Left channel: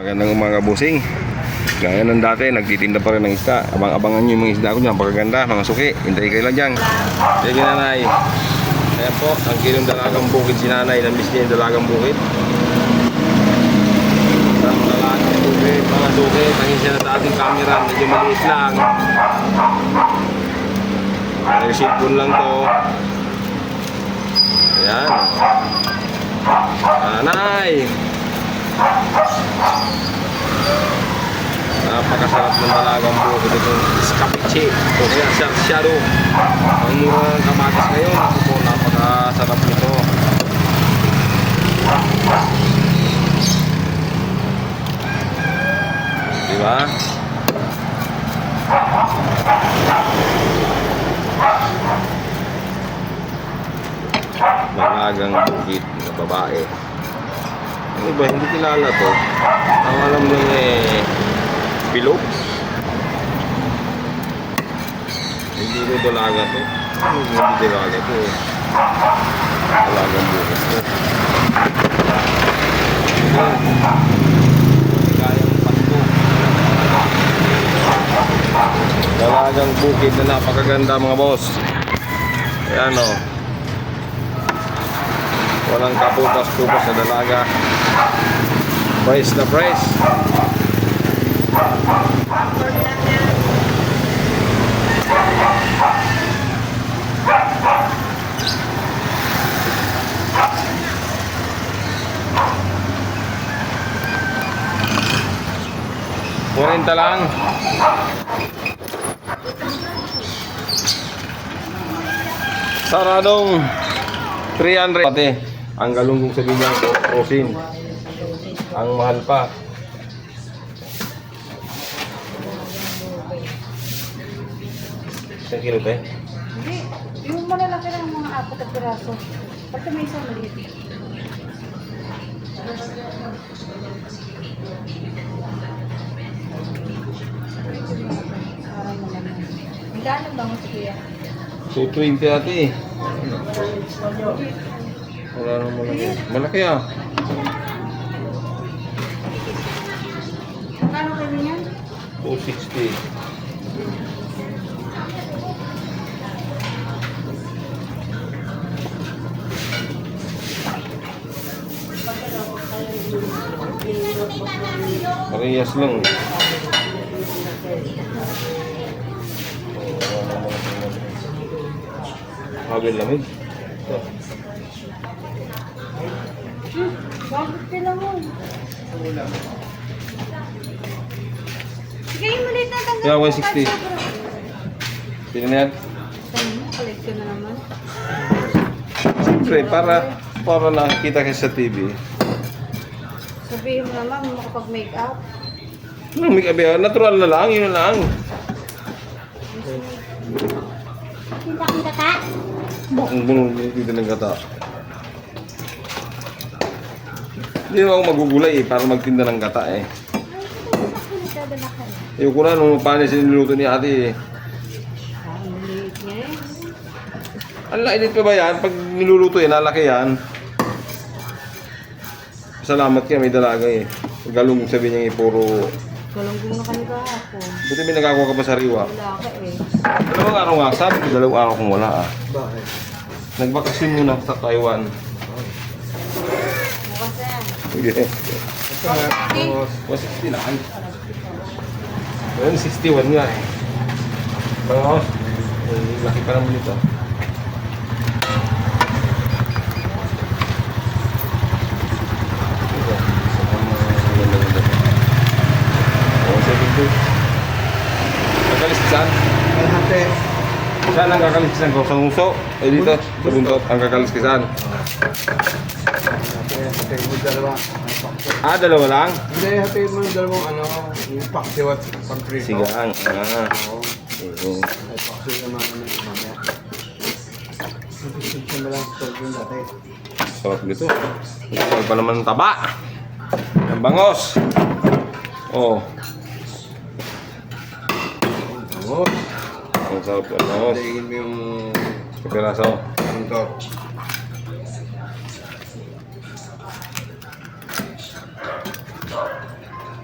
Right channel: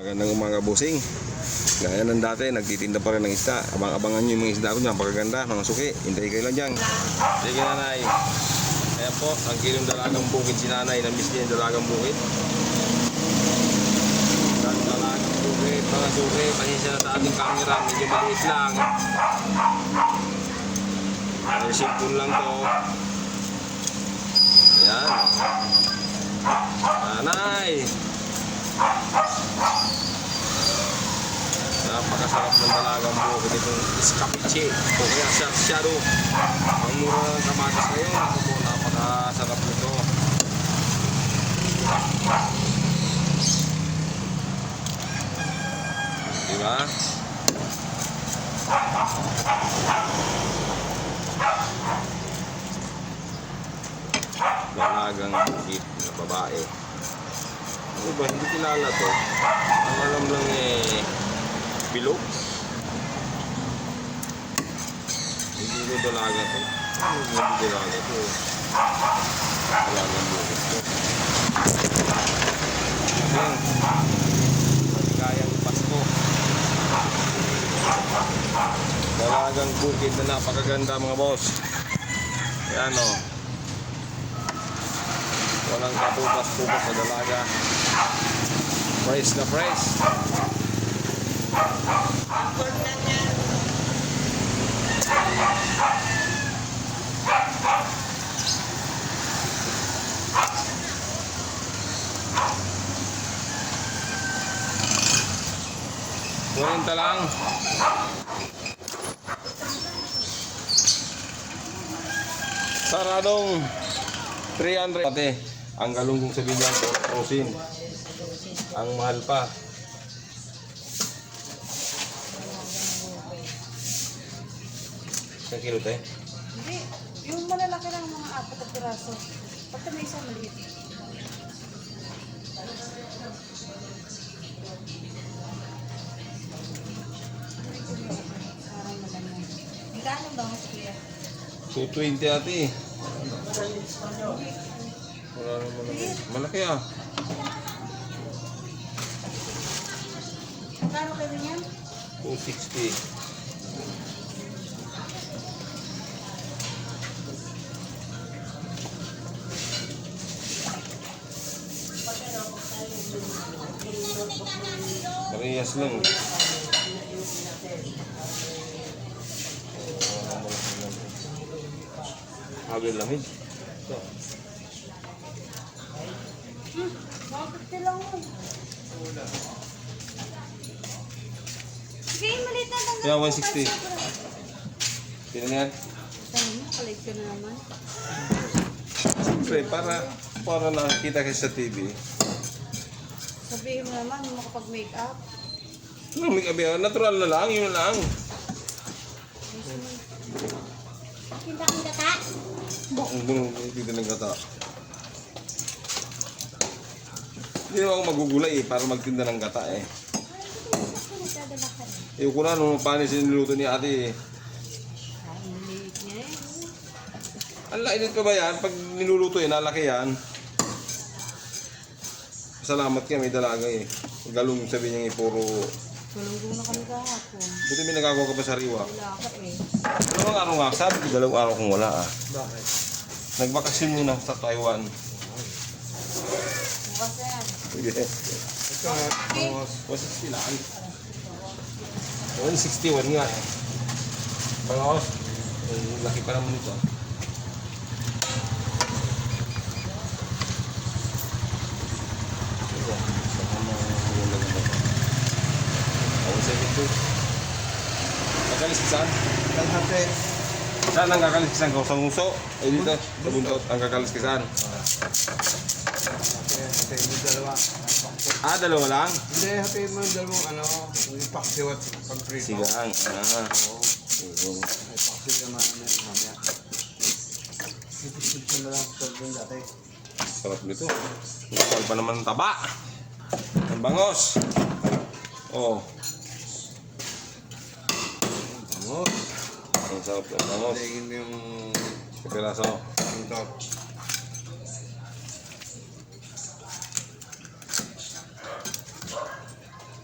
Magandang umaga, busing. Gaya ng dati, nagtitinda pa rin ng isda. Abang-abangan nyo yung mga isda ko dyan, pagkaganda, mga suki. Hintay kayo lang dyan. Sige nanay. Ayan po, ang kilong dalagang bukid si nanay. Namiss niya yung dalagang bukid. Ang dalagang bukid, mga suki. Tangin siya na sa ating camera, medyo maliit lang. Nag-cellphone lang to. Ayan. Nanay! Napakasarap ng dalagang bukid itong escapiche o kaya sarsyado. Ang mura ng kamatis ngayon, ako po, napakasarap nito. Diba? Dalagang bukid na babae. Ano ba? Hindi kilala to. Ang alam lang bilog. Hindi ko dalaga to. Hindi dalaga to. Dalagang bukid to. Kayang pasko. Dalagang bukid na napakaganda mga boss. Ayan o. Walang kapupas-pupas na dalaga. Price na price. $40 lang. Saradong 300. Pati ang galunggong sa binyang rosin. Ang mahal pa. Isang kilo tayo? Hindi. Yung malalaki lang mga 4 na piraso. Pati may isang maliit. Magkano ba mas kuya? 220 ate. Wala nang malaki. Malaki ah. Magkano kayo niyan? 260. Parehas lang. Agad lamig. Bakit kailan mo? Sige, maliit na lang. Yeah, 160. Pili na yan. Collect ko na naman. Siyempre, para nakikita kayo sa TV. Sabihin mo naman, makapag-make up. May kabihan, natural na lang, yun na lang. Kita ka? Bakong bunong dito ng gata. Hindi naman ako magugulay para magtinda ng gata eh. Yung ko na nung panis niluto ni ate eh. Maliit niya eh. Ang laki pa ba yan? Pag niluluto yan, nalaki yan. Salamat kaya may dalaga eh. Galong sabi niya puro... Galunggong na kami kahapon. Buti may nagkakuha ka pa sa riwa. Wala ka eh. Dalawang araw nga, sabi ko 2 araw kung wala ah. Bakit? Nagbakasyon muna sa Taiwan. Bukas na yan. Sige. Tapos, 160 lang. 161 nga eh. Pangos, laki pa naman ito. Kakaliskisan? kalahati. Saan ang kakaliskisan ko? Sa nguso? Eh dito, sa buntot, ang kakaliskisan. Hati mo dalawa. May pakso. Ah, dalawa lang? Hindi, hati mo dalawang yung paksiw at pagprito. Sigang. Oo. Eh, May paksiw naman mamaya. Napisip siya na lang sa yung dati. sarap nito. Kapal pa naman ng taba. Ang bangos. Oh. Bangos. Ang sarap ng bangos. Daigin mo yung Pagkaraso. kanto.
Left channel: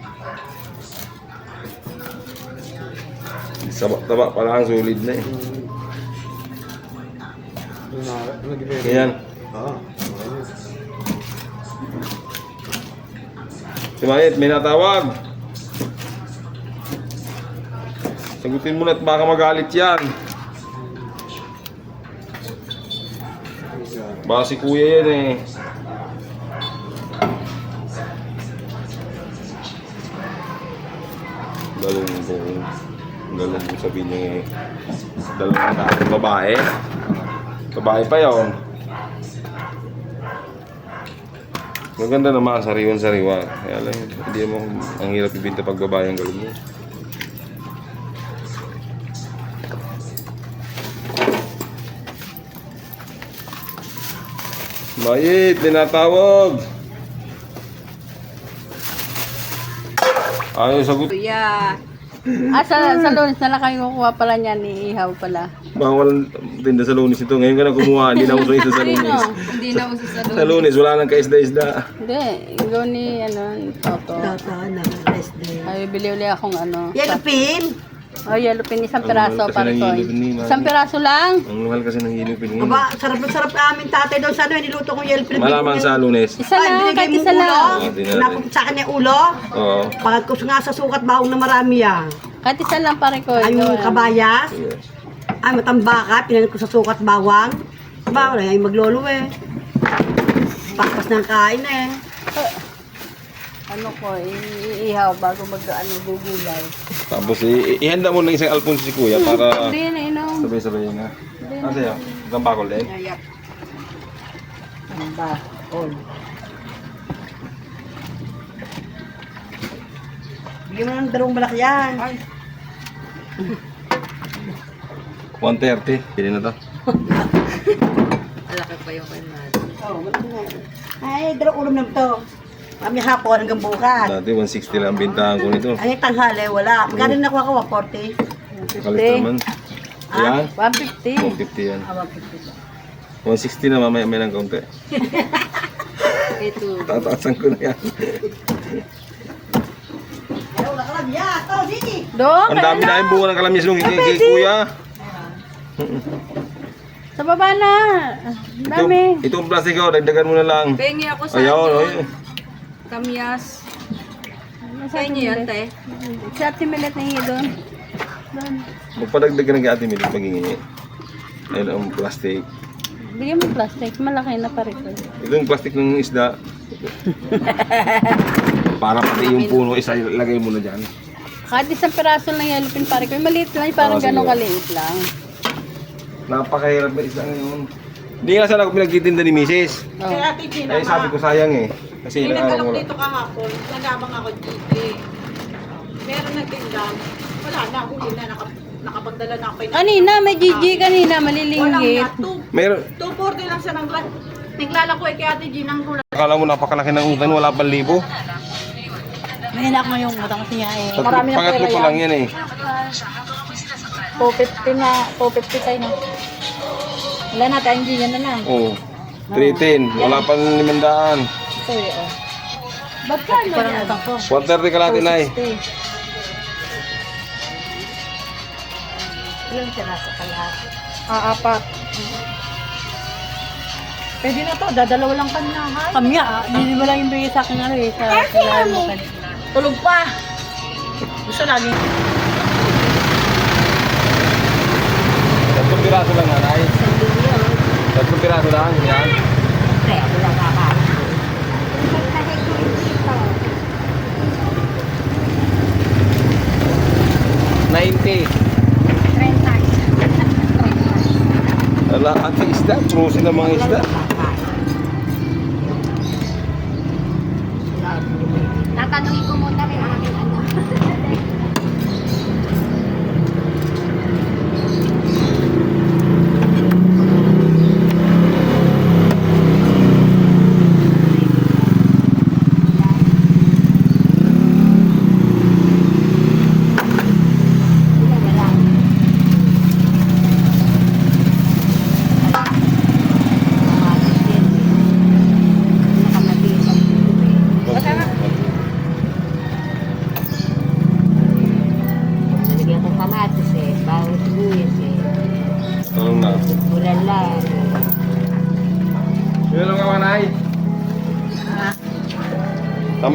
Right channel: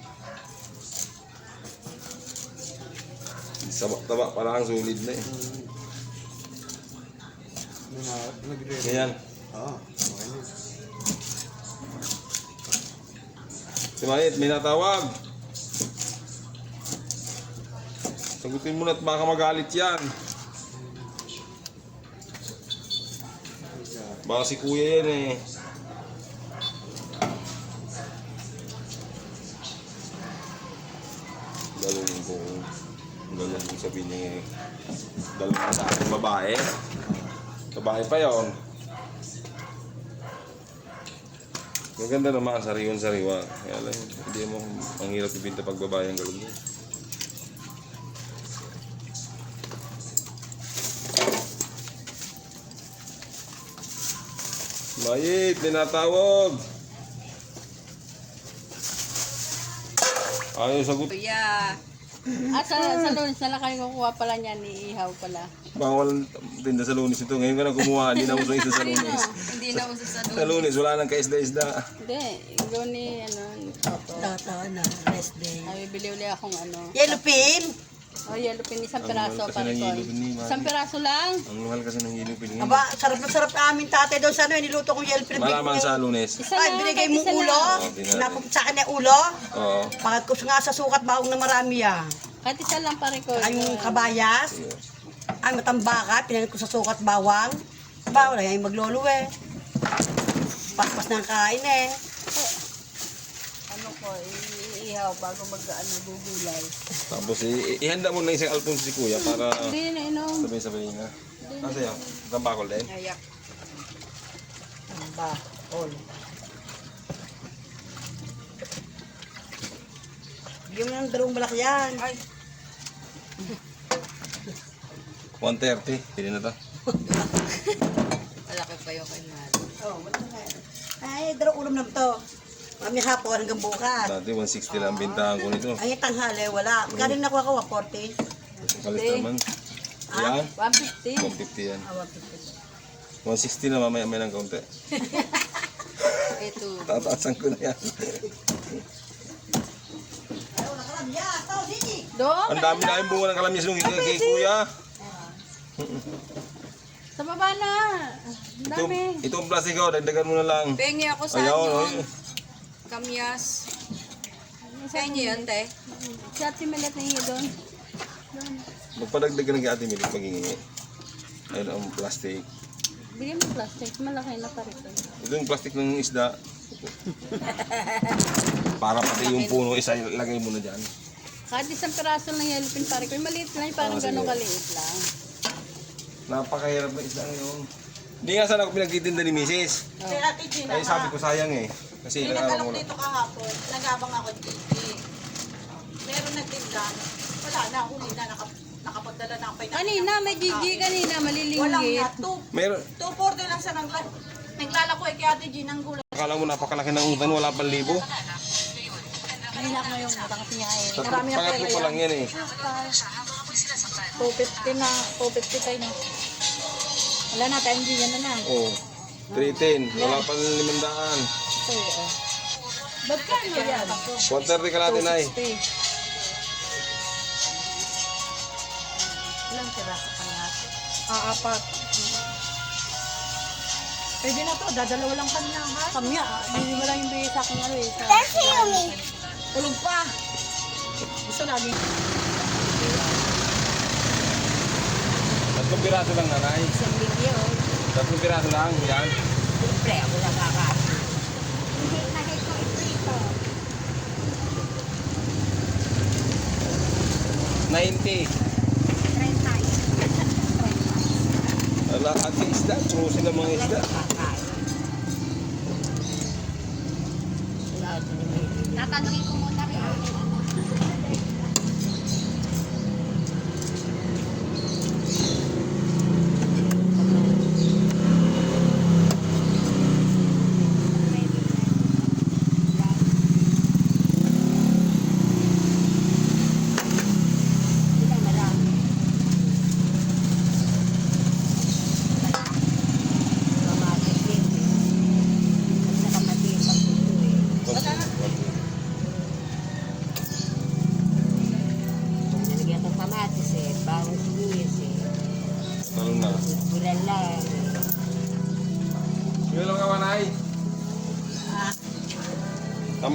Taba pa lang, sulit na eh. Ganyan. Oo. Okay na. Si Mayet, may natawag. Sagutin mo na at baka magalit yan. Baka si kuya yan eh. Galong mo sabihin niya eh. Dalawang sa ating babae. Babae pa yun. Maganda naman, sariwan-sariwa. Kaya lang, hindi mo ang hirap ibinta pag babae ang galong mo. Mayit, tinatawag. Ayaw sagot. Kuya. Sa Lunes na lang kayo kukuha pala niya ni Ihaw pala. Bawal tinda sa Lunes ito. Ngayon ka na kumuha, hindi na uso isa sa Lunes. Hindi na uso sa Sa Lunes, wala nang kaisda-isda. Hindi, ikaw ni Toto. Tata na, nice day. Ay, bili uli akong Yellow pin? Oh, yellow pin, isang piraso Kasi para ng ko. yellow pin ni Mami. Isang piraso lang. Ang mahal kasi ng hilo piningin. Aba, sarap na sarap ka amin tatay doon sa ano, niluto kong yellow pin. Malaman sa Lunes. Isa Ay, lang, binigay kahit mo isa ulo. lang. Napapit sa akin yung ulo. Oo. Pagkat ko nga sa sukat bawang na marami yan. Kahit isa lang pare ko. Ay, yung kabayas. Ay, matambaka, pinalit ko sa sukat bawang. Aba, wala yung maglolo eh. Pakpas ng kain eh. Ano ko, ihaw bago gugulay. Tapos ihanda mo na isang Alfonso si Kuya para Hindi na inom. sabay-sabay na. Ano sa'yo? Isang bakol din? Ayap. Ano ba? All. Bigyan mo ng dalawang malaki yan. 130. Pili na to. Malaki pa yung kay Oh, malaki na yan. Ay, dalawang ulam na ito. Kami hapon hanggang bukas. Dati 160 lang ang bintahan ko nito. Ay, tanghali, wala. Magkano nakuha ko? 140. Kalit naman. Yan? 150. 150 yan. Ah, 150. 160 na mamaya may lang kaunti. Ito. Tataasan ko na yan. Ay, wala ka lang. Yeah, to, dini. Doon, Ang dami na yung bunga ng kalamis nung kay Kuya. sa baba na. Ang dami. Itong plastic ko, dagdagan mo na lang. Pengi ako sa Ayaw, akin. ayaw. Kamyas. Pengi yan, te. Sa ating milat na hingi doon. Doon. Magpadagdag ka ng ate Milit maghingi. Ayun ang plastic. Bigyan mo plastic. Malaki na pare ko. Ito yung plastic ng isda. Para pati yung puno, isa lagay mo na dyan. Kahit isang piraso lang yellow pin pare ko. Maliit lang. Parang Oo, sige. ganun kaliit lang. Napakahirap na isda ngayon. Hindi nga sana ako pinagtitinda ni Mrs. Oh. Kay Ate Gina, Ay sabi ko sayang eh. Kasi may inaaraw nagkalok mo dito kahapon, nagabang ako dito. Meron nagtindam, wala na, huli na, nakapagdala na ako. Kanina, may GG kanina. Walang Malilinggit. nga, Meron. 240 lang sa nanglan. Naglalako kay Ate Gina ang gulat. Akala mo napakalaki ng utang, wala pang libo. May hinak mo yung matang niya eh. Marami ng Pangatlo pera pa lang yan eh. 250 na, 250 tayo na. Wala na, Ate Gina na lang. Oo. 310, wala pang 500. Ito oh. Ba't ka ano yan? 130 ka natin ay. Ilang piraso ka lahat? Apat. Pwede na to, dadalaw lang kami na, ha? Kami hindi mo lang yung bigay sa akin eh. Sa Tulog pa. Gusto lagi. 3 piraso lang nanay. 3 piraso lang, yan. Pre, ako lang kaka. 90. Wala, at sa isda, trusin ng mga isda. Tatanungin ko muna rin ang aking anak.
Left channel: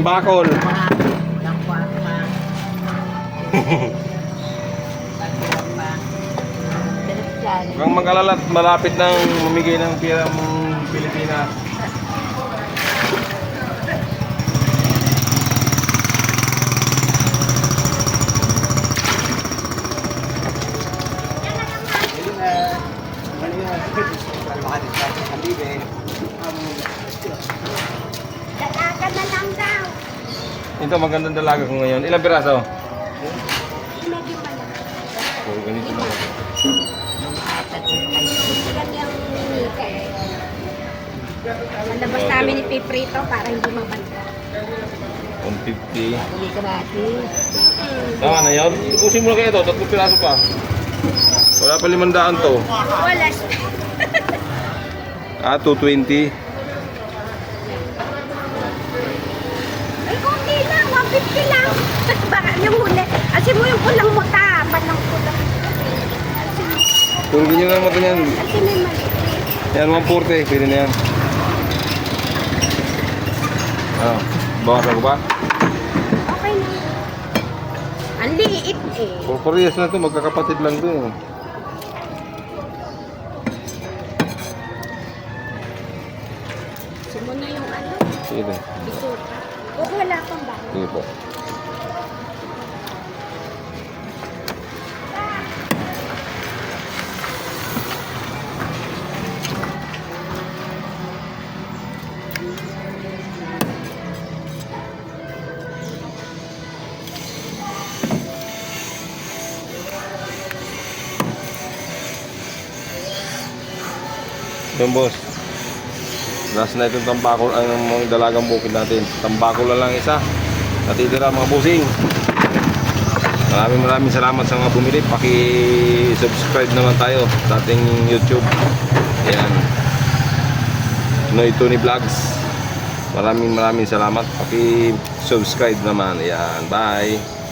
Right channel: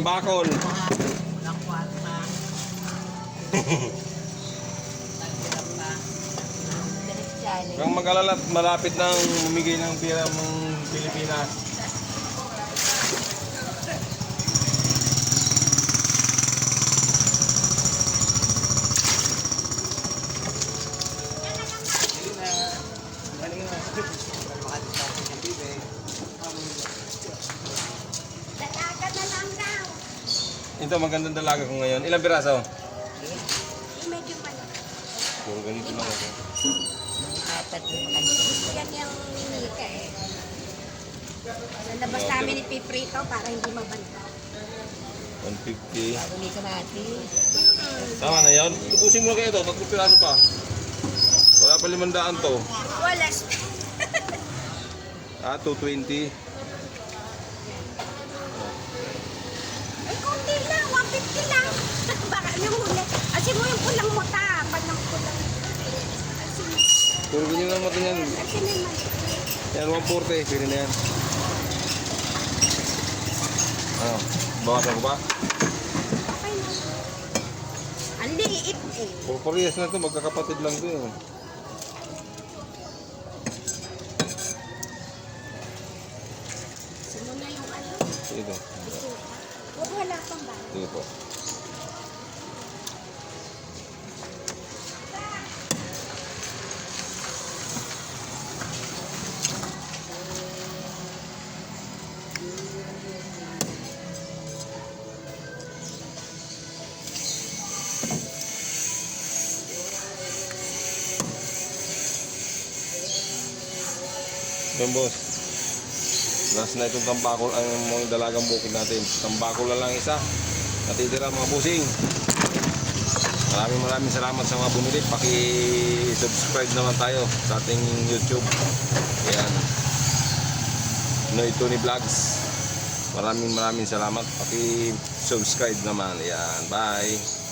Tambakol. Ang mag-alala at malapit nang mamigay ng pira mong Pilipinas. Ito magandang dalaga ko ngayon. Ilang piraso? Oh, ganito na. Malabas namin ipiprito para hindi mabanta. 150. Hindi gratis. Tama na yan. Ipusin mo na kayo ito. 3 piraso pa. Wala pa 500 to. Wala. Ah, 220. Ay, okay lang. 150 lang. Baka yung huli. Asin mo yung pulang muta. Panang pula. Tulogin nyo lang mata niyan. Asin mo yung mali. Yan, 140. Pwede na yan. Ah, bawasan ko ba? Okay na. Ang liit eh. Porporiyas na to. Magkakapatid lang to. Sumo na yung ano. Sige po. Bisuta. O wala kang ba? Sige po. Ito, boss. Last na itong tambakol ang mga dalagang bukid natin. Tambakol na lang isa. Natitira mga busing. Maraming salamat sa mga bumili. Paki-subscribe naman tayo sa ating YouTube. Ayan. Noy Tony Vlogs. Maraming salamat. Paki-subscribe naman. Ayan. Bye.